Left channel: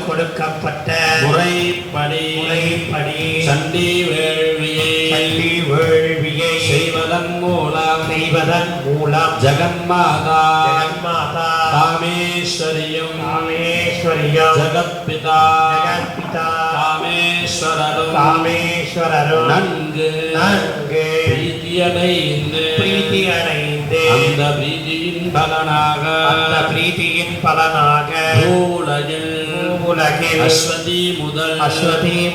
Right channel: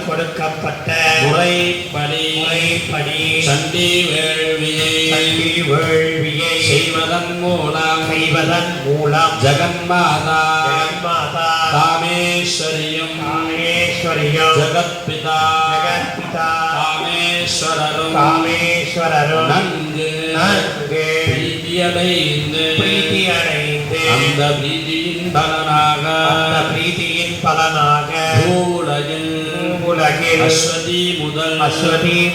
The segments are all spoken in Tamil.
கொடுக்கப்பட்ட முறைப்படி சண்டி வேள்வியை செய்வதன் மூலம் ஜெகன்மாதா காமேஸ்வரியும் ஜெகத்பிதா காமேஸ்வரரும் நன்கு பிரீதியடைந்து அந்த பிரீதியின் பலனாக உலகில் அஸ்வதி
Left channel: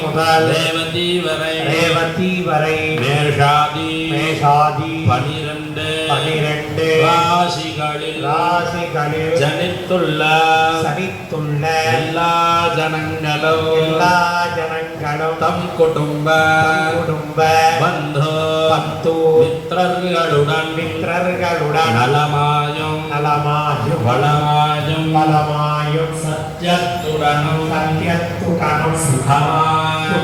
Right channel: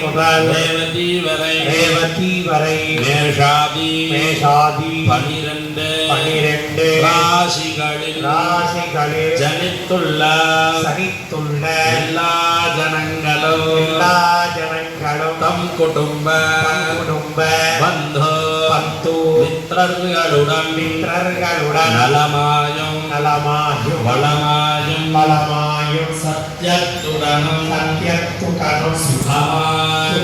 முதல் ரேவதி வரை மேஷாதி 12 ராசிகளில் ஜனித்துள்ள எல்லா ஜனங்களும் தம் குடும்ப பந்து மித்திரர்களுடன் நலமாயும் வளமாயும் சத்யத்துடனும் சுகமாயும்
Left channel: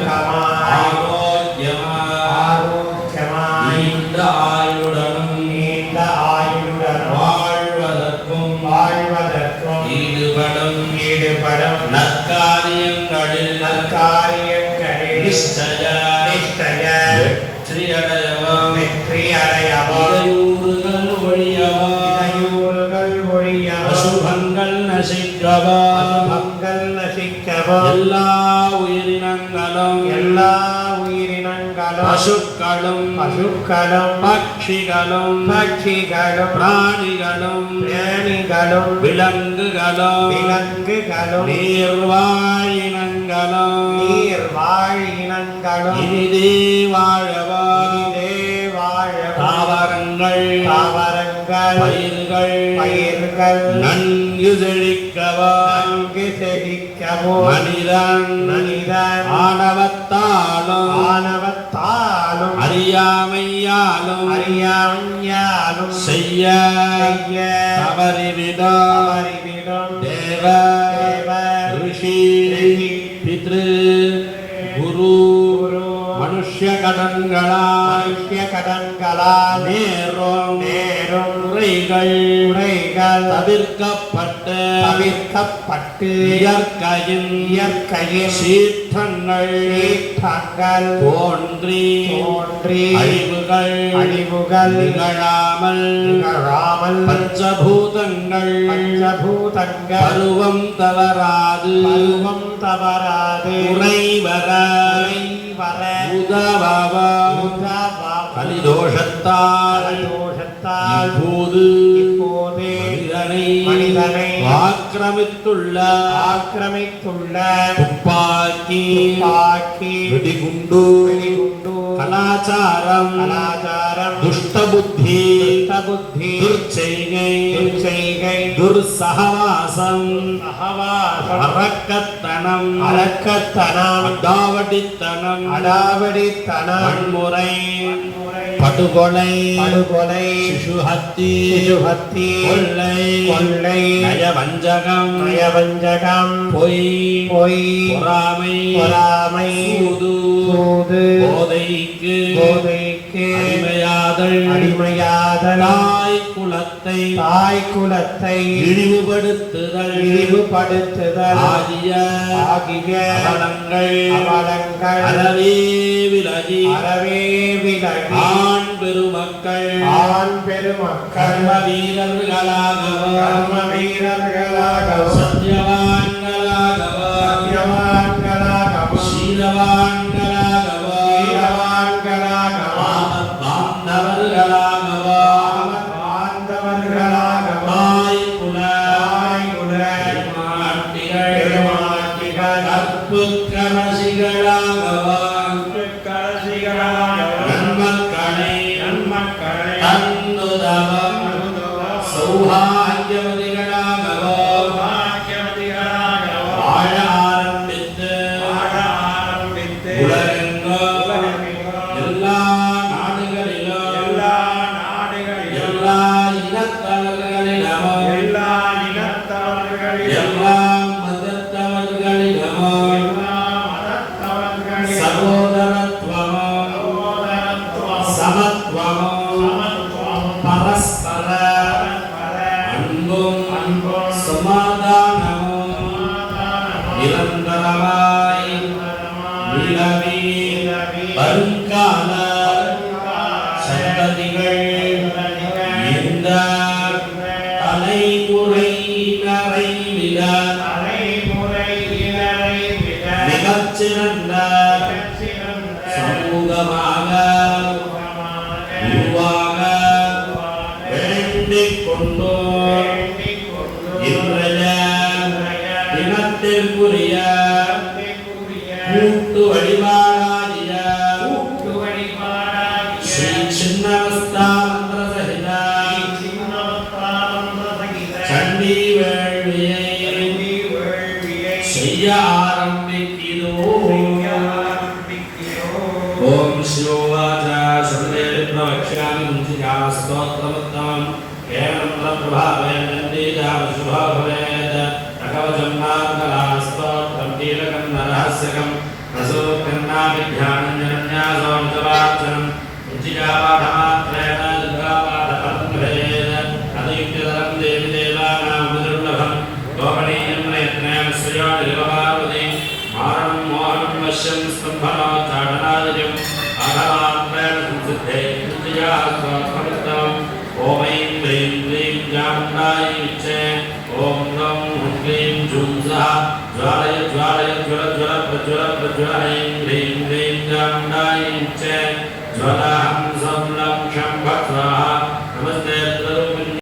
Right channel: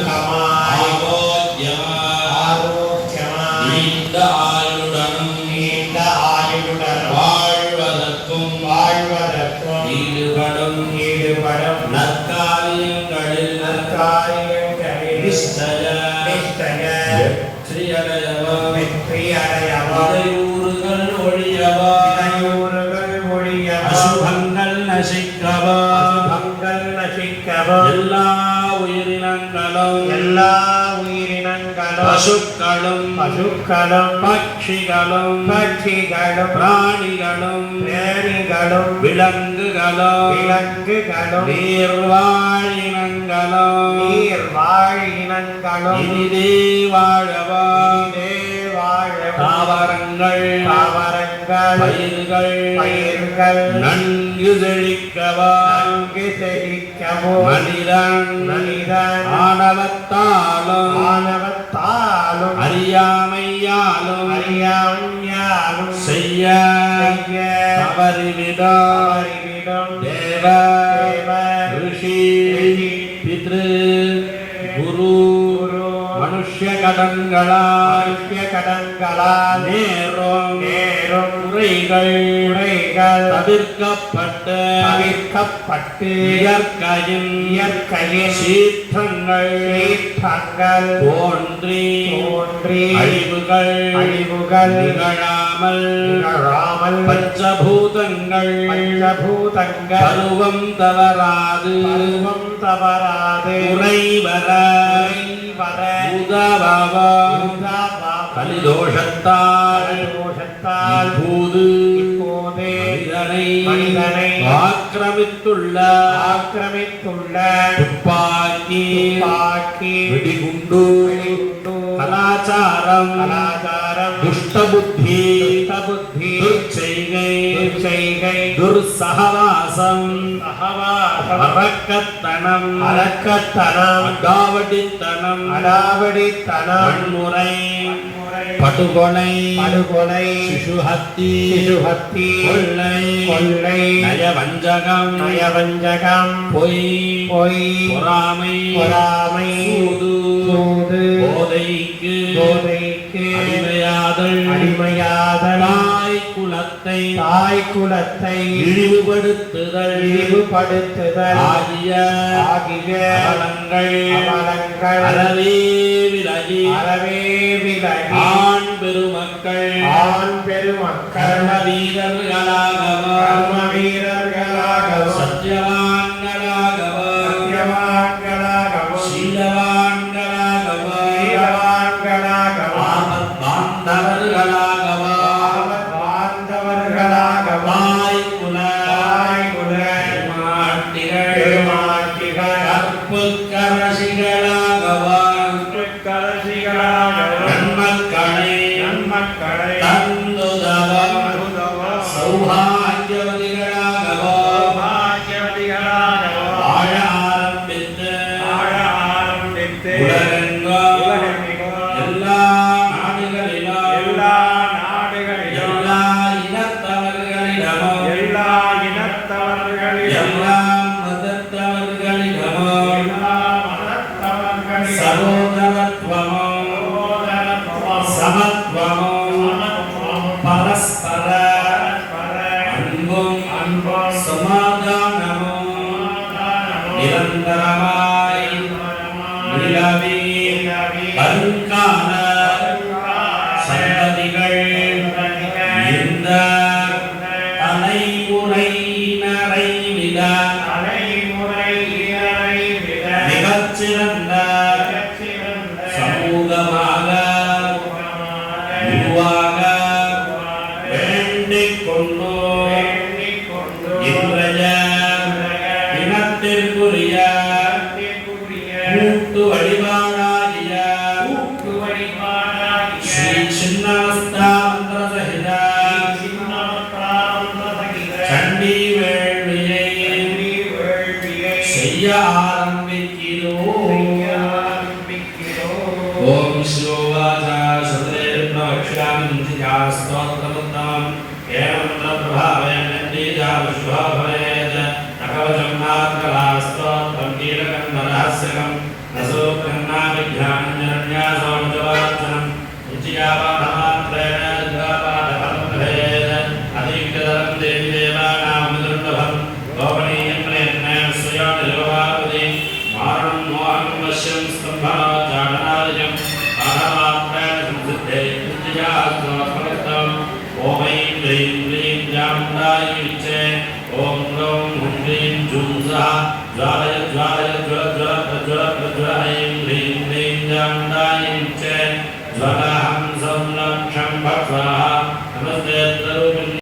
நீண்ட ஆயுளுடனும் வாழ்வதற்கும் ஈடுபடும் நற்காரியங்களில் நிச்சய வெற்றியடையவும் இடையூறுகள் ஒழியவும் அசுபங்கள் நசிக்கவும் எல்லா உயிரினங்களும் பசுக்களும் பட்சிகளும் பிராணிகளும் விலங்குகளும் நீர்வாழினங்களும் இனிதே வாழவும் தாவரங்கள் பயிர்கள் நன்கு செழிக்கவும் மனிதன் ஆணவத்தாலும் அறியாமையாலும் செய்ய தவறிவிடும் தேவ ரிஷி பித்ரு குரு மனுஷ்ய கடன்களால் நேரும் குறைகள் தவிர்க்கப்பட்டு இயற்கையின் சீற்றங்கள் தோன்றி அழிவுகள் நிகழாமல் பஞ்சபூதங்கள் பருவம் தவறாது குறைவர கலிதோஷத்தால் இப்போது மனிதனை ஆக்கிரமித்துள்ள துப்பாக்கி வெடிகுண்டு கலாச்சாரம் துஷ்டபுத்தி துர்ச்செய்கை துர்சகவாசம் அரக்கத்தனம் அடாவடித்தனம் வன்முறை படுகொலை சிசுஹத்தி கொள்ளை நயவஞ்சகம் பொய் பொறாமை சூது போதைக்கு அடிமையாதல் தாய் குலத்தை இழிவுபடுத்துதல் ஆகிய அவலங்கள் அறவே விலகி ஆண் பெருமக்கள் கர்ம வீரர்களாகவும் சத்தியவான்களாகவும் சீலவான்களாகவும் நிரந்தரமாய் நிலவி வருங்கால சந்ததிகள் இந்த தலைமுறையினரை விட மிகச்சிறந்த சமூகமாக உருவாக வேண்டிக் கொண்டோ இன்றைய தினத்திற்குரிய மூட்டு வழிபாடாகிய ஸ்ரீ சின்னமஸ்தா மந்திர சகித சண்டி வேள்வியை செய்ய ஆரம்பிக்கிறோம். ஓம் சிவோவாச ஸ்தோத்திரமுத்தமம் ஏவம் பிரபாவயம் சுபாபவேத் நகவசம் நாத்மலா ஸ்தோத்திரம் கீலகம் நரஹஸ்யகம் நசோத்கன்னாபித்யானம் யரண்யாசோம் ஜவாட்சனம் உச்சிகாபாடமாத்ரேண துர்காபாடபலம்பவேத் அதீக்தரம் தேவி தேவானாம் விதுர்லபம் கோபணீயம் பிரயத்னேன ஸ்ரீயாதிலபாவதி மாரணம் மோகனம் வஷ்யம் ஸ்தம்பனோ ஜாடனாதிஜம் ஆகாமாத்ரேண சம்சித்தே உச்சிகாஸ்தோத்மகத்தம் ஓம் ஐம் க்ரீம் க்ரீம் ஜாமுண்டாயை விச்சே ஓம் க்ரௌம் ஹும் க்ரீம் ஜூம் ஸா ஜ்வாலய ஜ்வாலய ஜ்வல ஜ்வல பிரஜ்வல பிரஜ்வல ஐம் க்ரீம் க்ரீம் ஜாமுண்டாயை விச்சே ஜ்வலஹம் சம்லம் ஷம்பத்வாஹ நமஸ்தே த்ரூபின்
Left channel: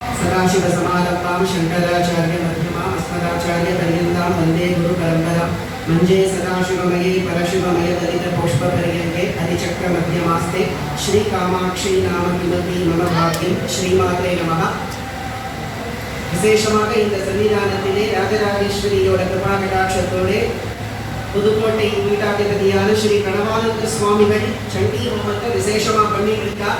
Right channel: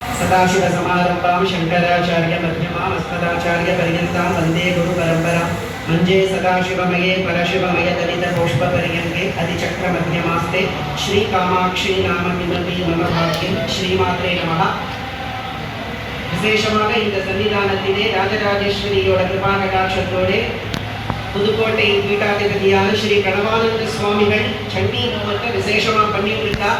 सदाशिव समारंभां शंकराचार्य मध्यमां अस्मदाचार्य पर्यन्तां वन्दे गुरु परंपरा मंजे सदाशिवमये परशिवमय दलित पुष्प पर्यन्ते अधिचक्र मध्यमास्ते श्री कामाक्षी नाम किमपि मम भाग्यं श्रीमात्रे नमः. விசேஷமாக இந்த சன்னிதானத்திலே ராஜராஜேஸ்வரியோட கிருபாகடாட்சத்தோடு புதுக்கோட்டை பீட்டாதிபதியான ஸ்ரீ கணவானந்த சுவாமிகள் சண்டி ஹோமத்தை விசேஷமா பண்ணிட்டு இருக்கா.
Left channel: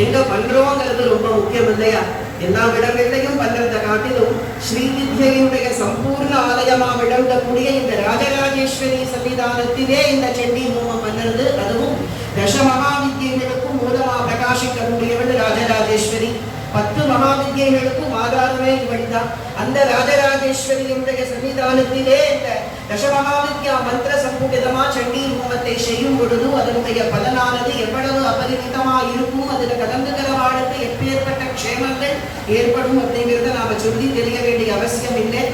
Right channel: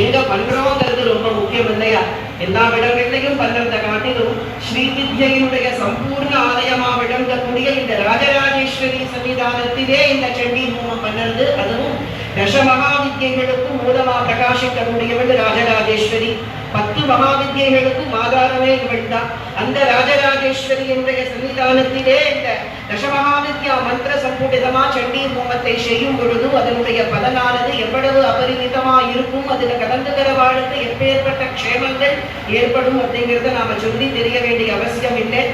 எங்க பண்றோங்கிறது ரொம்ப முக்கியம் இல்லையா? எல்லா இடங்களிலையும் பண்றதை காட்டிலும் ஸ்ரீ வித்யையுடைய சம்பூர்ண ஆலயமா விளங்கக்கூடிய இந்த ராஜராஜேஸ்வரி சன்னிதானத்திலே இந்த சண்டி ஹோமம் பண்ணுறது, அதுவும் தச மகாவித்யைகளுக்கும் மூலமா பிரகாசிக்கக்கூடியவள் ராஜராஜேஸ்வரி. 10 மகாவித்யைகளுக்கும் ஆதாரமே இவள்தான். அந்த ராஜராஜேஸ்வரியுடைய சன்னிதானத்திலே இந்த தசமகாவித்யா மந்திர சம்பூடிதமா சண்டி ஹோமத்தை செய்யும் பொழுது அதனுடைய பலனானது எவ்வளவு அபரிமிதமா இருக்கும், அதில் கலந்துகிற வாழ்க்கை எப்பேற்பட்ட க்ஷேமங்கள் ஏற்படும் அப்படிங்கிறத நாம சொல்லி தெரிய வேண்டிய அவசியம் இல்லை.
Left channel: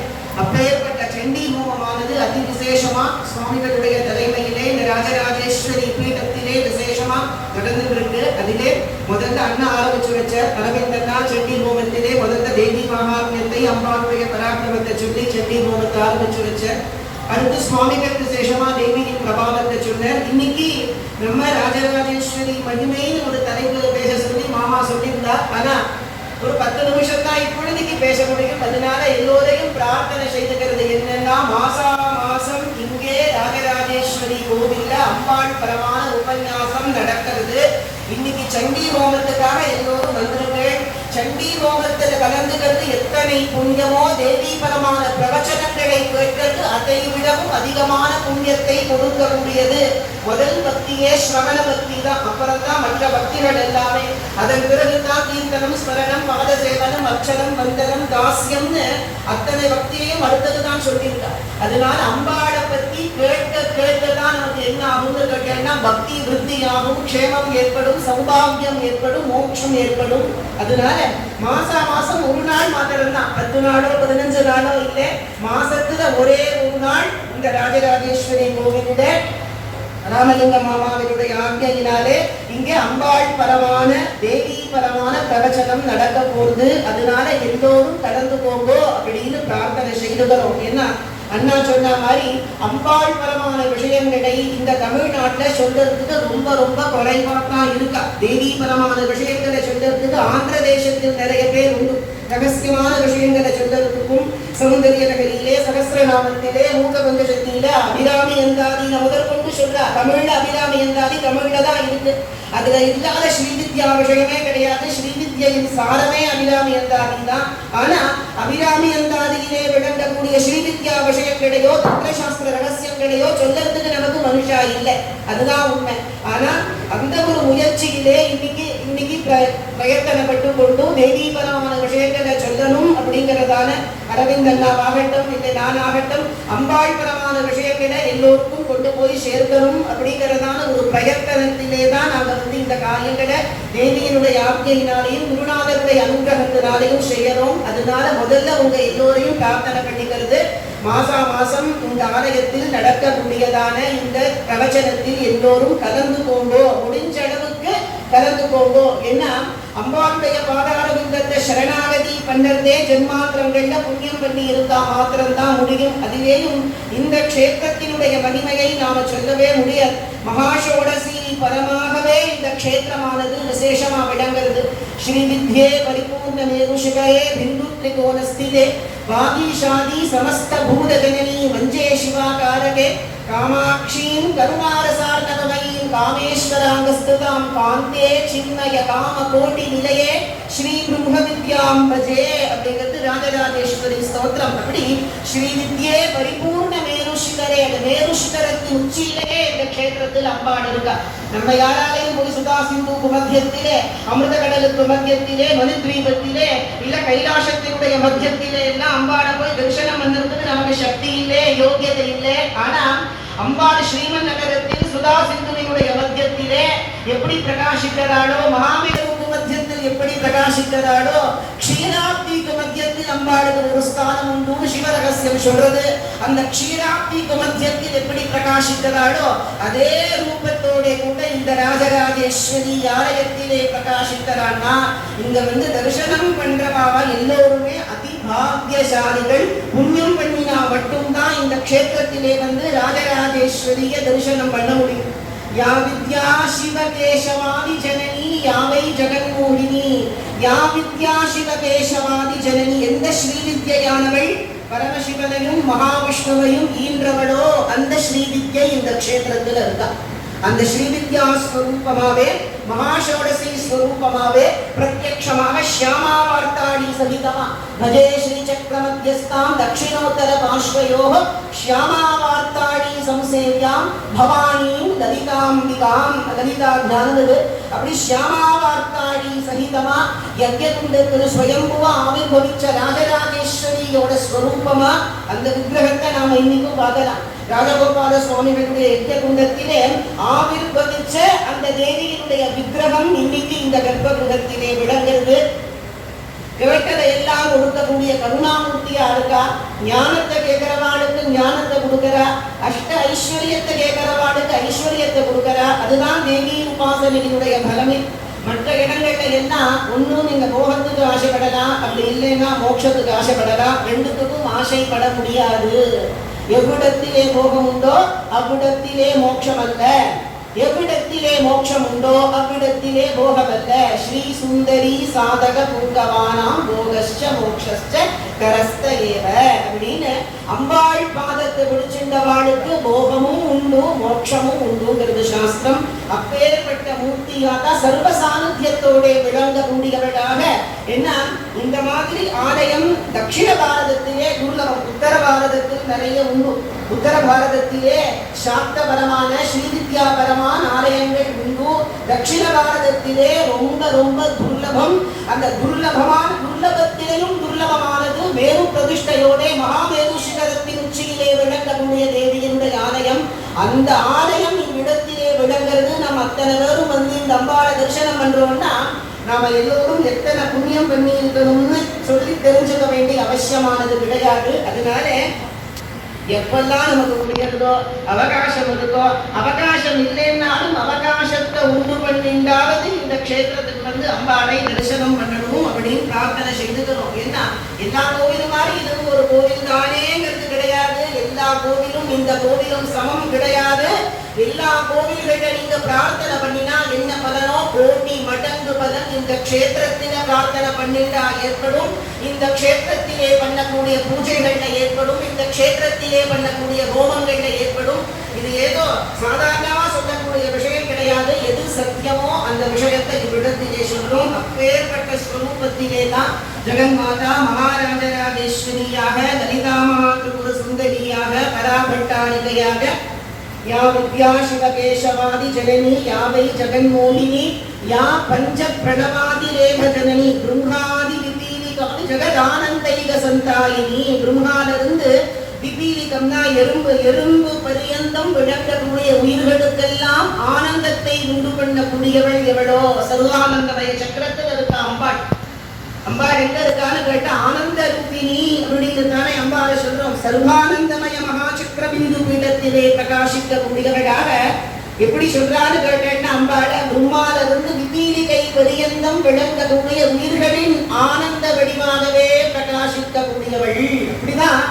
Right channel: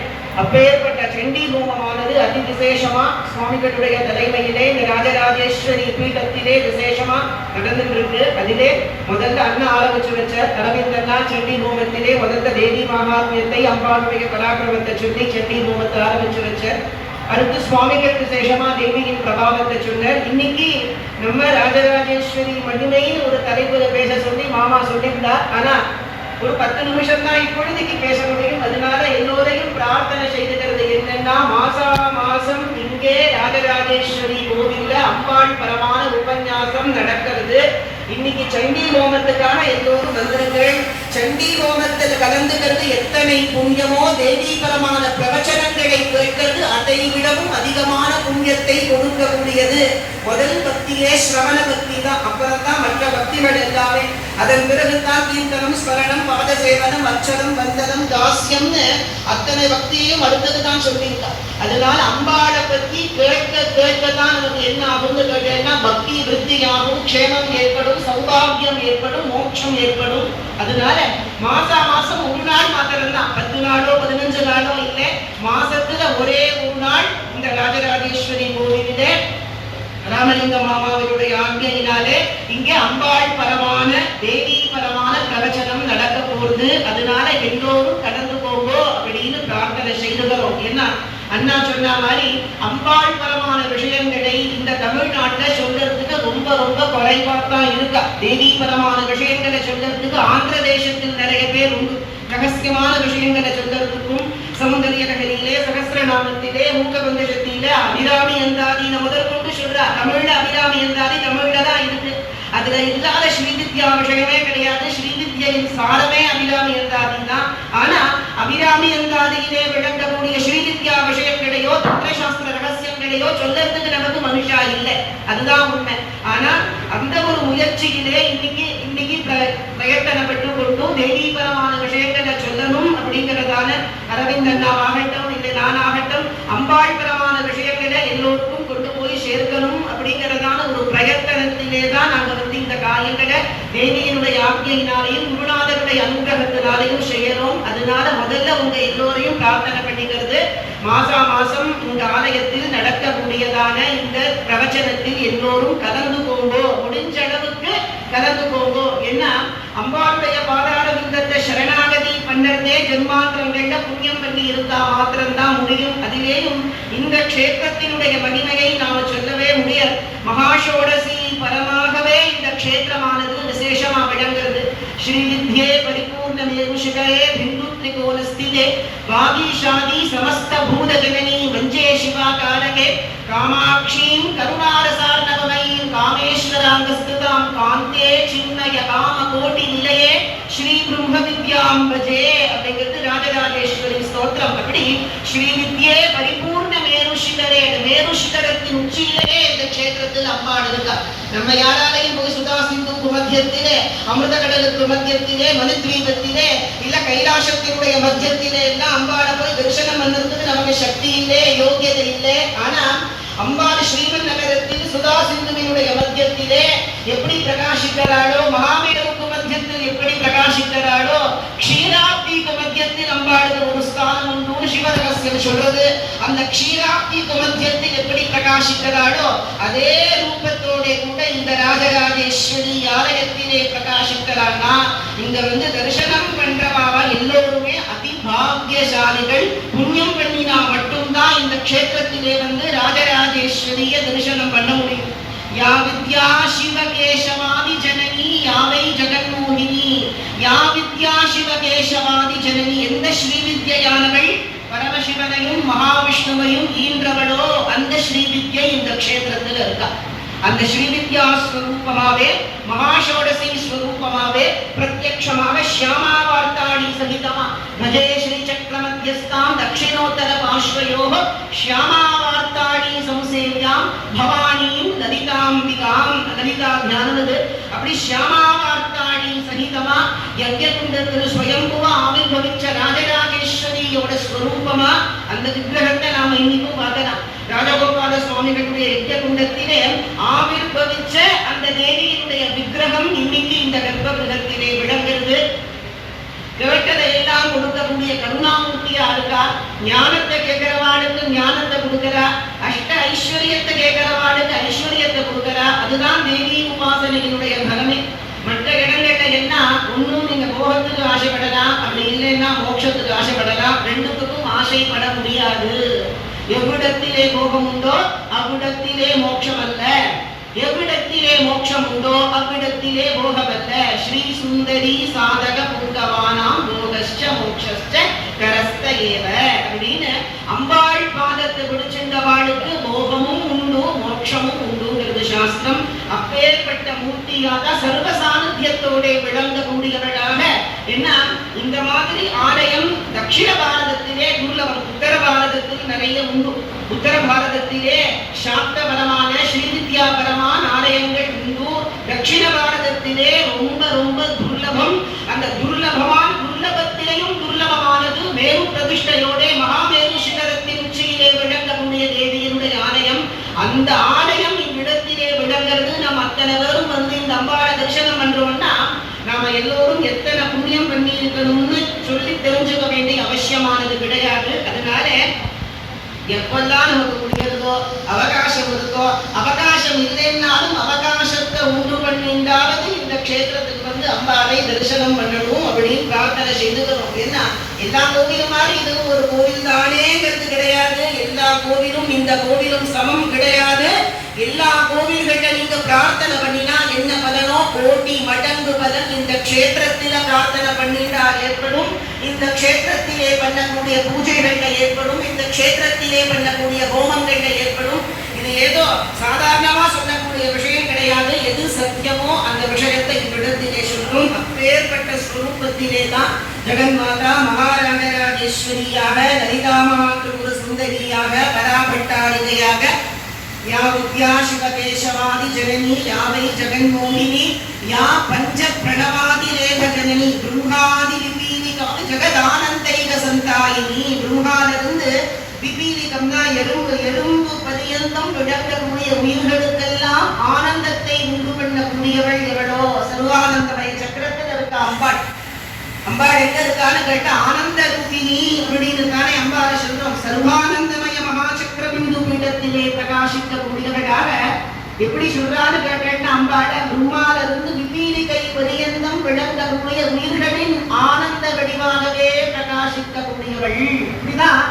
அப்பேற்பட்ட சண்டி ஹோமமானது அதி விசேஷமா சுவாமிகளுடைய தலைமையிலே இந்த ராஜராஜேஸ்வரி பீடத்திலே விசேஷமா நடந்துட்டு இருக்கு. அதிலே முதல்ல அண்ணன் ஆரம்பிச்சு வச்ச அரவிந்தன்னா சண்டி ஹோமத்திலே முதல்ல தேவி மகாத்மியத்தை அம்பாளுடைய பராக்கிரமத்தை சொல்லி சண்டி ஹோமத்தை ஆரம்பிச்சு வச்ச. அடுத்து சுவாமிகள் விசேஷமா தேவியின் பிரபாவத்தை சொன்னார். இன்னைக்கு நம்ம ராஜராஜேஸ்வரி மகிமைன்னு ஒரு தலைப்பு பேச சொல்லி மாமா சொல்லியிருந்தார். ஆனா ஒரு 10 நிமிஷம் தான் இப்பொழுதுக்கு பேச முடியும். அதனால எல்லோரையும் பிரார்த்தனை செய்துகிறது என்னன்னா, மாசம் இங்கே ராஜராஜேஸ்வரி கோவில்ல அம்பாள் பரமான உபன்யாசம் நடக்கிறது. இன்னைக்கு சண்டி ஹோமத்துக்கான எல்லோரும் வந்துருங்கள். சண்டி ஹோமத்தில் கலந்துக்கிறது எத்தனை எத்தனை புண்ணியமோ தேவீபரமான பிரவச்சனங்களை கேட்கிறது அதை விடவும் அதிகமான புண்ணியத்தை கொடுக்கக்கூடியது. முதல் பக்தியே ஸ்ரவண பக்தி தான், அப்புறம் தான் மற்ற பக்திகள் எல்லாமே. அதன் பிறகுதான் கீர்த்தனம், ஸ்மரணம், பாத சேவனம், அர்ச்சனம், வந்தனம், தாஸ்யம்னு அத்தனை பக்தியையும் அடுத்ததுதான் சொல்லியிருக்கார். அதனால அம்பாளை பத்தி கேட்க கேட்கதான் நமக்கு என்ன ஆகும்னு கேட்டேன்னா பக்தி விருத்தியாகும், க்ஷேமம் ஏற்படும், சௌபாகியம் ஏற்படும், மோட்சம் ஏற்படும். அதனால மாசம் ஒரு நாள் மாத்திரம் தான், 10 நாளோ 15 நாளோ இல்லை, மாசத்துல ஒரே ஒரு நாள் இந்த ராஜராஜேஸ்வரி கோவிலிலே ராமலிங்க மாமாவினுடைய ஆజ్ఞையினாலே இங்கே அம்பாள் பரமான தேவி பரமான பிரவச்சனம் நடக்க போகுது. அதனால எல்லோரும் கடந்து போங்கோ அப்படின்னு பிரார்த்தனை செய்துகிறோம். ஏன்னா அண்ணா சொன்ன மாதிரி அம்பாள் பரமான விஷயங்களை இந்த தமிழ்நாட்டில் சொல்றதுக்கு ரொம்ப ரொம்ப குறைவாக இருக்கா. தேவி பரமான விஷயங்களை சொல்றதுக்கு ஆந்திர தேசத்தில் நிறைய பேர் உண்டு. ரகசியமான விஷயங்களை சொல்றதுக்கும் சௌந்தரிய நகரிலே, சகஸ்ரநாமத்திலே, மூக்கபந்தசத்திலே அபிராமி எந்தாதின முதற்கொண்டு சொல்றா. தமிழ்ல அபிராமி எந்தாதி தமிழ்ல தான் இருக்கு. அதுல இல்லாத ஸ்ரீவித்யா விஷயமே கிடையாது. ஸ்ரீவித்யின் சாரமே அபிராமி எந்தாதி தான். ஆனா அபிராமி எந்தாதியிலே விளங்கக்கூடிய ஸ்ரீவித்யா விஷயங்களையோ தந்திரசாஸ்திர ரகசியங்களையோ சொல்லறதுக்கு நமக்கு மனுஷா இல்லை. அதுதான் உண்மை. ஆனா அந்த ஒரு முயற்சியிலே இன்னைக்கு பிரயத்தனப்பட்டு கொண்டு தேவீபரமான விஷயங்களை சொல்லணும் அப்படிங்கிறதான அரவிந்த் அண்ணாவாகட்டும் இல்லை நானாகட்டும் அம்பாள் பரமான விஷயங்களை எல்லோருக்கும் கொண்டு போய் சேர்க்கணும் அப்படிங்கிறதான ஒரு பிரயத்தனத்திலே தான் நாங்கள் இந்த காரியங்களை தேவியினுடைய ஆజ్ఞையினாலையும் குருநாதருடைய அனுகிரகத்தினாலையும் செய்யறோம். அதனால முதல்ல உங்க எல்லோரையும் பிரார்த்தனை பண்ணிக்கிறது, மாசம் இந்த ஆலயத்தில் நடக்கக்கூடியதான இந்த பிரவச்சனத்தில் எல்லோரும் கலந்து போங்கோ, முடிஞ்ச அளவுக்கு கலந்து போங்கோ. ஏன்னா அம்பாளுடைய பாதார விந்தத்தை சரணாகதி பண்ணதே ஜென்மாந்திரங்கள்ல புண்ணியம் பண்ணி இருந்தா மாத்திரம்தான் முடியும். அதிலேயும் இந்த க்ஷேத்திரத்தினுடைய மகிமையை நாம சொல்லவே முடியாது. மகாஷோடசி பரமாகவே இந்த க்ஷேத்திரமானது விசேஷமா விளங்குறது. ஸ்ரீவித்யே பரிபூர்ணமேருஷிகயே பிந்து திரிகோணஸ்திதே வாகீஷாதி சமஸ்த பூத ஜனனி வஞ்சே சிவாகாரகே காமாட்சீம் கருணாரசார்ணவமயீம் காமேஸ்வராங்கஸ்துதாம் காந்தே சின்னய காம கோட்டி நிலையே ஸ்ரீ பிரம்ம வித்யாம் பஜே அப்படிங்கிறது ராஜராஜேஸ்வரி ஸ்தோத்திரம். அப்படி ஸ்ரீவித்யே பரிபூர்ண மேருஷிகரே, மேருஷிகரத்தின் உச்சியிலேயே இந்த க்ஷேத்திரத்தில் அம்பாள் இருக்கா. நம்ம யாராலையும் போய் சுதா சிந்து மத்தியத்திலே, அமிர்த கடலுக்கு மத்தியத்திலே, மனுத்வீபத்திலே இல்ல கைலாசத்தினுடைய மத்தியத்திலே எல்லாம் அம்பாளை போய் தரிசனம் பண்ணுறதுக்கு நமக்கு சக்தி இல்லை, யோகியதை இல்லை. ஆனா அம்பாள் ஸ்ரீமன் நகரத்தில் சுதா சிந்துவினுடைய மத்தியத்திலே எப்படி பிரகாசிக்கிறாளோ, மகாமேருவுக்கு மத்தியத்தில் எப்படி பிரகாசிக்கிறாளோ, க்ஷீராப்திக்கு மத்தியத்தில் அம்பாளுக்கு ஒரு ஸ்தானம் உண்டு சிவரகசியம் சொல்றது. அந்த க்ஷீராப்திக்கு மத்தியத்தில் எப்படி பிரகாசிக்கிறாளோ அதே ரூபத்தோட கூட இந்த ராஜராஜேஸ்வரி ஆலயத்திலே பிரகாசிக்கிறான்னா இங்க தரிசனம் பண்றவாவா எல்லோருமே அதிபாகியசாலிகள். புண்ணியம் பண்ணினா மட்டும்தான் இந்த க்ஷேத்திரத்திலே ராஜராஜேஸ்வரிய தரிசனம் பண்ண முடியும். யா வித்யா சிவகேசவாதி ஜனனி யாவை ஜெகன்மோகினி, யா வித்யா சிவகேசவாதி ஜனனி, எந்த ஸ்ரீவித்யானவள் பரமசிவனையும் மகாவிஷ்ணுவையும் ஈன்றவளோ அந்த ஸ்ரீவித்யை இந்த க்ஷேத்திரத்தில் இருக்கா. அந்த ஸ்ரீவித்யா ஸ்வரூபமாவே மகாஷோடசி ஸ்வரூபமாவே பிரத்யக்ஷமாக ஷியாமாவார்த்தாடி சகிதமா பஜே ஸ்ரீ சக்கரமத்தியஸ்தாம் தட்சிணோத்தர பாஷ்வயோः ஷியாமாவார்த்தாடி சம்சேவ்யாம் பவானியும் லலிதாம்பிகாம். லலிதா தியானது அப்படி ஷியாமாவார்த்தாடி சகிதமா யஜ்ஞகுண்டத்தில் ஸ்வயம்புவா ஆவிர்பவிச்ச ராஜராஜேஸ்வரியோட ஸ்வரூபமா அந்த விக்கிரகத்தை நாம இன்னைக்கும் பார்க்கலாம். ராஜகோபால சுவாமிகளுடைய யஜ்ஞகுண்டத்திலே ஆவிர்பவிச்ச அந்த தேவியினுடைய விக்கிரகம் இன்னைக்கு இந்த கர்ப்பகிரகத்திலே விளங்குகிறது. கேட்டதை எல்லாம் கொடுக்கக்கூடிய கருணாமூர்த்தியா இருக்கா. ஞானத்தை கேட்கிறவாளுக்கு ஞானத்தை கொடுக்கிறா, அஷ்ட ஐஸ்வர்யத்தை கேட்கிறவாளுக்கு ஐஸ்வர்யத்தை கொடுக்கிறா. அதுதான் தேவி உபாசனையினுடைய பலமே. மற்ற இடங்கள்ல என்ன ஒன்னும் நீங்க போகத்துக்கு ஆசைப்படலாம், அப்படி இல்லைன்னா மோட்சத்துக்கு ஆசைப்படலாம். ரெண்டுத்துக்கும் ஆசைப்பட முடியாது. எவ்விடத்திலே போகம் உண்டோ அவ்விடத்திலே மோட்சம் அல்ல, எவ்விடத்திலே மோட்சம் உண்டோ அவ்விடத்திலே போகமல்ல. ஸ்ரீ சுந்தரி சாதக புங்கவானாம் போகஸ்ச மோக்ஷஸ்ச கரஸ்த ஏவ அப்படின்னு அம்பாள் பாதத்தை பிடிச்சிருந்தவாளுக்கு போகமும் உண்டு மோட்சமும் உண்டுங்கிறது சாஸ்திரம். அப்பேற்பட்ட மூர்த்தியாக சர்வ சாநித்தியத்தோட விளங்கக்கூடியவளாக ஏன்னா இந்த மாதிரி ஆலயம் தட்சிண பாரதத்திலே துர்லபம். உத்தர பாரதத்தில் நிறைய உண்டு. உத்தர பாரதத்திலே சாக்தபரமான ஸ்ரீவித்யாபரமான ஆலயங்கள் உண்டு. தட்சிண பாரதத்திலே ரொம்ப ரொம்ப துர்லபம். அந்த துர்லபத்திலேயும் துர்லபமானது மேரு பிரதிஷ்டையோட மகாமேரு சிகரத்தின் உச்சியிலே விளங்கக்கூடிய தேவியினுடைய ஆலயம். அந்த ஆலயம் இவ்விடத்திலே விளங்குறது. நம்ம அத்தனை பேரும் வந்து இந்த அம்பாளை தரிசனம் பண்றோம்னா நாம எல்லோரும் எத்தனை புண்ணியம் பண்ணி இருக்கணும்னு சொல்லி தெரிஞ்சுக்க வேண்டிய அவசியமானது கிடையாது. அதனால எப்பெல்லாம் நமக்கு முடியறதோ அவகாசம் இருக்கோ, அவகாசம் இல்லைன்னாலும் அவகாசத்தை உண்டு பண்ணிண்டாவது இந்த க்ஷேத்திரத்துக்கு வந்து அம்பாளை தரிசனம் பண்ணணும் அப்படின்னு பிரார்த்தனை செய்துக்கணும். ஏன்னா எல்லா கோவிலும் மாதிரி இதுவும் ஒரு கோவில் தானேங்கிறது கிடையாது. எல்லா கோவிலும் இந்த கோவிலும் சமம் கிடையாது. எல்லா கோவில்கிட்ட நீங்க பிரார்த்தனை பண்ணினா என்ன பலனோ கோடி மடங்கு பலன் இந்த க்ஷேத்திரத்தில பிரார்த்தனை பண்ணினால் ஏற்படும். இந்த க்ஷேத்திரத்திலே பண்ணக்கூடிய பூஜைகள்ல ஏற்படும். இந்த க்ஷேத்திரத்திலே பண்ணக்கூடிய ஹோமங்கள்ல ஏற்படும். இது ஏதோ சாதாரணமா சொல்லக்கூடிய விஷயம் கிடையாது. எது சத்தியமோ அந்த விஷயத்தை இவ்விடத்திலே சொல்லும். அப்பேற்பட்ட ஸ்வரூபத்திலே தான் ஜெகன்மாதா மகாராஜராஜேஸ்வரியாக, லலிதாமாத்ருகுல சுந்தரியாக, பராபட்டாரிகையாக, या विद्या शिवकेशवादि जननी या वै जगन्मोहिनी या पंच प्रणवादिरेख जननी ब्रह्मादि विपीलिका जगदानंदैक संतायिनी. ब्रह्माலிருந்து விபீலிகம்னா எறும்பு பரியந்தம் விளங்கக்கூடிய உயிர்களுக்கெல்லாம் ஆனந்தத்தை உண்டு பண்ணக்கூடியவள் எவளோ? சர்வானந்தமய சக்கரத்தில் இருக்க அம்பாள். அம்பாள் எங்க இருக்கான்னு கேட்டா ஆனந்த ரூபிணி அப்படின்னு தானே அம்பாளை சொல்றோம். சர்வானந்தமய மகாசக்கர பிந்து பீடத்திலே பிரகாசிக்கக்கூடியவளாக எப்படி சொல்றான்னு கேட்டேன்னா அம்பாளை பிரம்மாலிருந்து விபீலிகை பரியந்தம் விளங்கக்கூடிய உயிர்களின் ஆனந்த வடிவாகவே பிரகாசிக்கக்கூடியவள். இப்படிதான்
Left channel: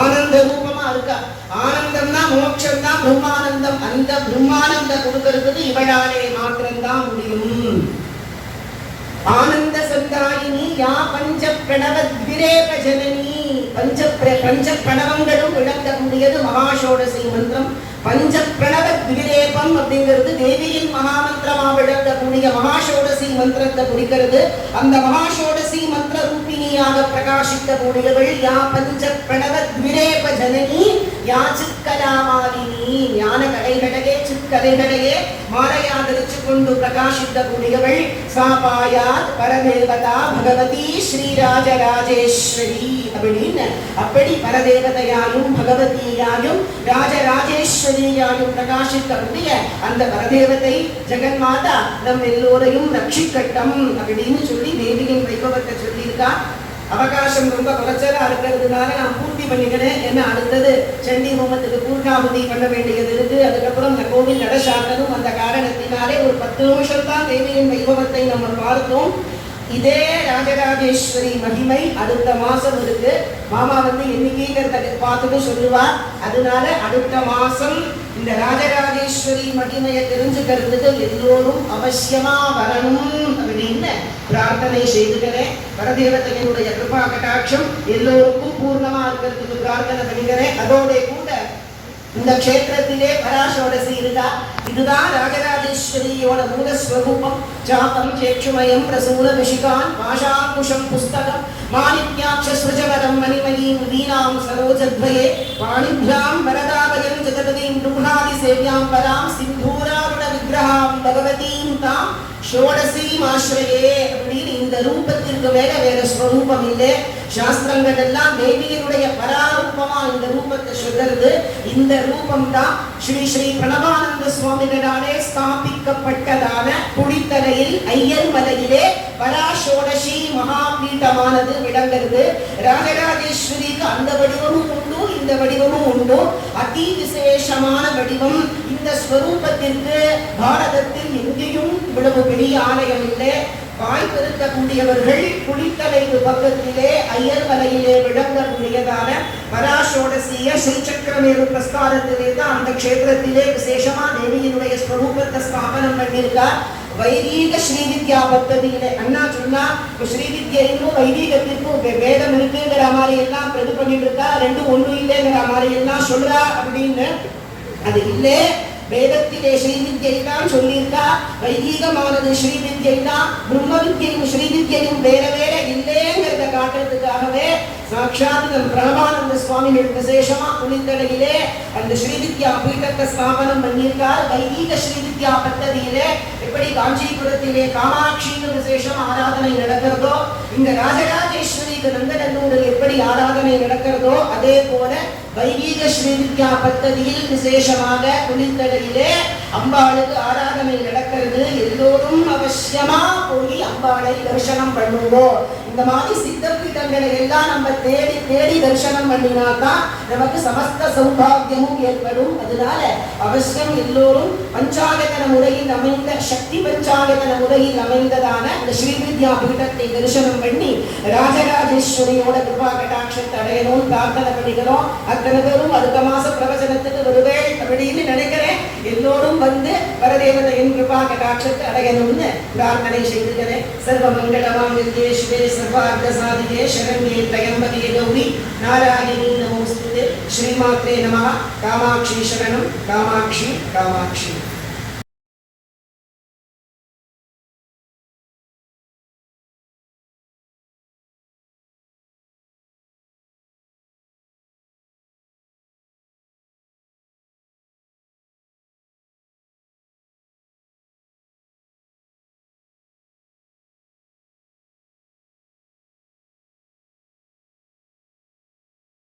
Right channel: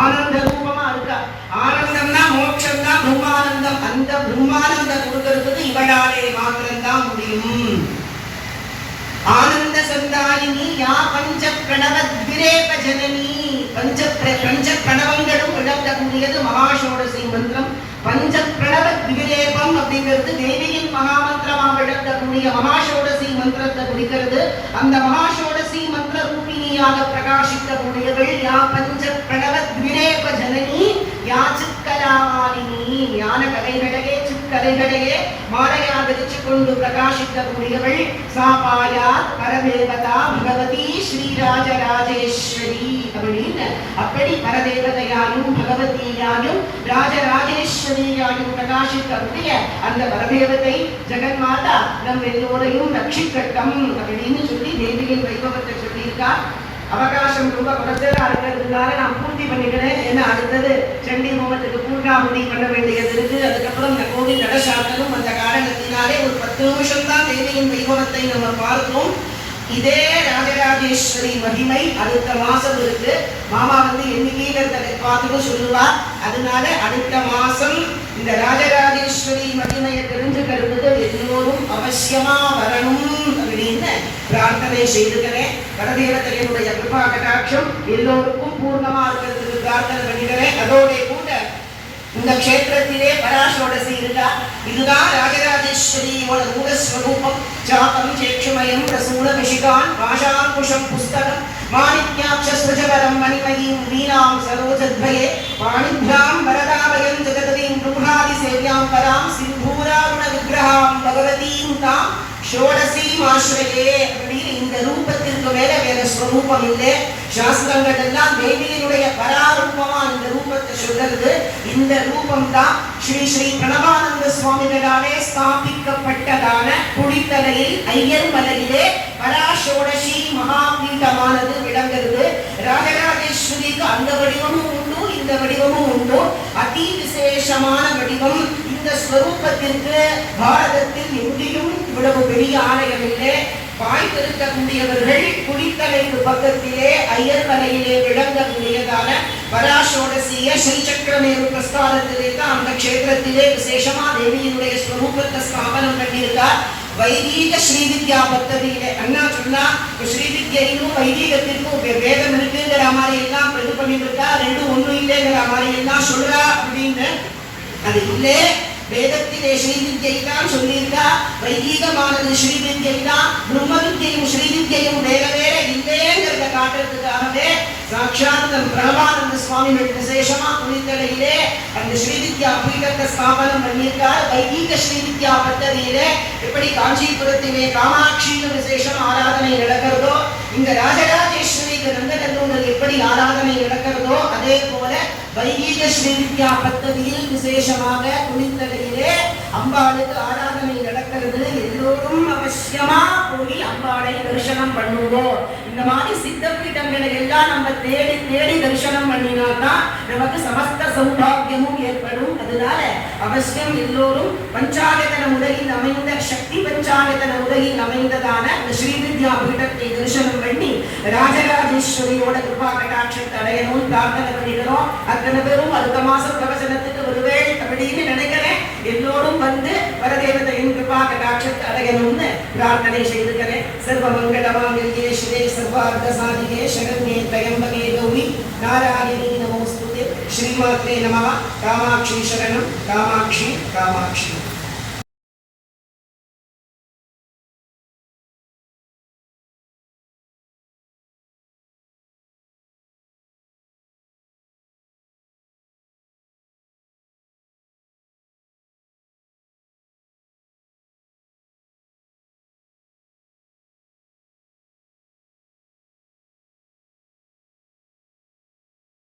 ஆனந்த ரூபமா இருக்கா. ஆனந்தம்னா மோட்சம் தான் பிரம்மானந்தம். அந்த பிரம்மானந்தம் கொடுக்கறதுக்கு இவளாலே மாத்திரம்தான் முடியும். ஆனந்த சந்தாயினி யா பஞ்ச பிரணவத் விரேப ஜனனி. பஞ்ச பிரணவங்களும் விளங்கக்கூடியது மகாஷோடசி மந்திரம். பஞ்ச பிரணவத் விரேபம் அப்படிங்கிறது தேவியின் மகாமந்திரமா விளங்கக்கூடிய மகாஷோடசி மந்திரத்தை குறிக்கிறது. அந்த மகாஷோடசி மந்திர ரூபிணியாக பிரகாசிக்கக்கூடியவள் யா பஞ்ச பிரணவத் விரேப ஜனனி யா சிற்கலாமாலினி. ஞான கலைகளையே சிற்கலைகளையே மாலையா தரிச்சு கொண்டு பிரகாசிக்கக்கூடியவள் சாபாயா பரதேவதா பகவதி ஸ்ரீராஜராஜேஸ்வரி அப்படின்னு. அப்படி பரதேவதையாயும் பகவதியாயும் ராஜராஜேஸ்வரியாயும் பிரகாசிக்கக்கூடிய அந்த பரதேவதை ஜெகன்மாதா நம் எல்லோரையும் ரட்சிக்கட்டும் அப்படின்னு சொல்லி தேவியின் வைபவத்தை சொல்லியிருக்கா. அவகாசம் ரொம்ப குறைச்சலா இருக்கிறதுனால நான் பூர்த்தி பண்ணிக்கிறேன். ஏன்னா அடுத்தது சண்டி ஹோமத்துக்கு பூர்ணாபுதி பண்ண வேண்டியது இருக்கு. அதுக்கப்புறம் இந்த கோவில் நடசாட்டலும் அந்த காரணத்தினாலே ஒரு 10 நிமிஷம் தான் தேவியின் வைபவத்தை நம்ம பார்த்தோம். இதே ராஜராஜேஸ்வரி மகிமை அடுத்த மாசம் இருக்கு. மாமா வந்து எண்ணிக்கைங்கிறத பார்த்துட்டு சொல்லுவா. அதனால அடுத்த மாசம் இந்த ராஜராஜேஸ்வரி மகிமையை தெரிஞ்சுக்கிறதுக்கு எல்லோரும் அவசியமா வரணும் அப்படின்னு பிரார்த்தனை செய்துக்கிறேன். பரதேவதையினுடைய கிருபா கடாட்சம் எல்லோருக்கும் பூர்ணமா இருக்கிறதுக்கு பிரார்த்தனை பண்ணிக்கிறேன். அதோட கூட இந்த க்ஷேத்திரத்திலே பராஷோடசி இருக்கா. இதுதான் ராஜராஜேஸ்வரியோட மூலஸ்வரூபம். ஜாபம் சேட்சுமயம் பிரசூல விஷிகான் பாஷாங்குஷம் புஸ்தகம் மாணிக்யாட்சஸ்வஜவரம் மணிமயீம் வீணாம் சரோஜத்வயே பாணிभ्यां வரதாபயம் ஜகதீம் பிரம்மாதி சேவ்யாம் பராம் சிந்தூராருண விக்கிரகாம் பகவதீம் தாம் ஷோடசீம் ஆஸ்ரயே அப்படின்னு இந்த ரூபத்திற்கு வேற ஸ்வரூபம் இல்லை. சாஸ்திரங்கள் எல்லாம் தேவியினுடைய பராரூபமா இந்த ரூபத்தை சொல்றது. இந்த ரூபம் தான் ஸ்ரீ ஸ்ரீ பிரணவானந்த சுவாமிகளாலே ஸ்தாபிக்கப்பட்டதான குடித்தலையில் ஐயர் மலையிலே பராஷோடசி மகாபீட்டமானது விளங்குகிறது. ராஜராஜேஸ்வரிக்கு அந்த வடிவமும் உண்டு, இந்த வடிவமும் உண்டு. அதி விசேஷமான வடிவம். இந்த ஸ்வரூபத்திற்கு பாரதத்தில் எங்கேயும் இவ்வளவு பெரிய ஆலயம் இல்லை. வாய்ப்பு இருக்கக்கூடியவர்கள் குடித்தலைக்கு பக்கத்திலே ஐயர் மலையிலே விளங்கக்கூடியதான பராஷோடசிய ஸ்ரீசக்கரமேரு பிரஸ்தானத்திலே தான் அந்த க்ஷேத்திரத்திலே விசேஷமா தேவியினுடைய ஸ்வரூபத்தை ஸ்தாபனம் பண்ணியிருக்கார். வைதீக ஸ்ரீவித்யா பக்ததியிலே அண்ணா சொன்னா ஸ்ரீவித்யைக்கும் வைதீகத்திற்கும் வேதம் இருக்குங்கிற மாதிரி எல்லாம் இது பண்ணிட்டு இருக்கா. ரெண்டும் ஒன்றும் இல்லைங்கிற மாதிரி எல்லாம் சொல்றா அப்படின்னு. அது இல்லை. வேதத்திலே ஸ்ரீவித்யை தான் சொல்லியிருக்கா. வைதீகமானது ஸ்ரீவித்யை தான். பிரம்ம வித்யையும் ஸ்ரீவித்யையும் வேற வேற இல்லைங்கிறத காட்டுறதுக்காகவே சாட்சாத் பிரம்மானந்த சுவாமிகள் விசேஷமா புனிதலையிலே அந்த ஸ்ரீவித்யா பீடத்தை ஸ்தாபனம் பண்ணியிருக்கார். வைதீக ஸ்ரீவித்யா பத்ததியிலே எப்படி காஞ்சிபுரத்திலே காமாட்சிக்கு விசேஷம் ஆராதனை நடக்கிறதோ, இந்த ராஜராஜேஸ்வரிக்கு நந்தநல்லூரில் எப்படி ஆராதனை நடக்கிறதோ, அதே போல வைதீக ஸ்ரீவித்யா பத்ததியில் விசேஷமாக புனிதலையிலே அம்பாளுக்கு ஆராதனை நடக்கிறது. எல்லோரும் அவசியமா போய் அம்பாளை தரிசனம் பண்ணுவோம். இந்த மாதிரி சித்த பீடங்களை எல்லாம் நம்ம தேடி தேடி தரிசனம் பண்ணினாதான் நமக்கு சமஸ்த சௌபாகியமும் ஏற்படும். அதனால அவசியம் எல்லோரும் பஞ்சாயத்தன முறையில் அமைந்த சக்தி பஞ்சாயத்தன முறையில் அமைந்ததான இந்த ஸ்ரீவித்யா பீடத்தை தரிசனம் பண்ணி ராஜராஜேஸ்வரியோட கிருபா கடாட்சத்தை அடையணும் பிரார்த்தனை பண்ணிக்கிறோம். அத்தனை பேரும் அடுத்த மாசம் பிரவச்சனத்துக்கு ஒருவேளை அப்படின்னு நினைக்கிறேன். எல்லோரும் வந்து வரதேவதையின் கிருபா கடாட்சத்தை அடையணும்னு பிரார்த்தனை செய்துக்கிறேன். சர்வ மங்களமாங்கல்யே சிவே சர்வார்த்த சாதிகே சரண்யே த்ரயம்பகே கௌரி நாராயணி நமோஸ்துதே. ஸ்ரீமாத்ரே நமः. காமாட்சி சரணம். காமாட்சி காமாட்சி.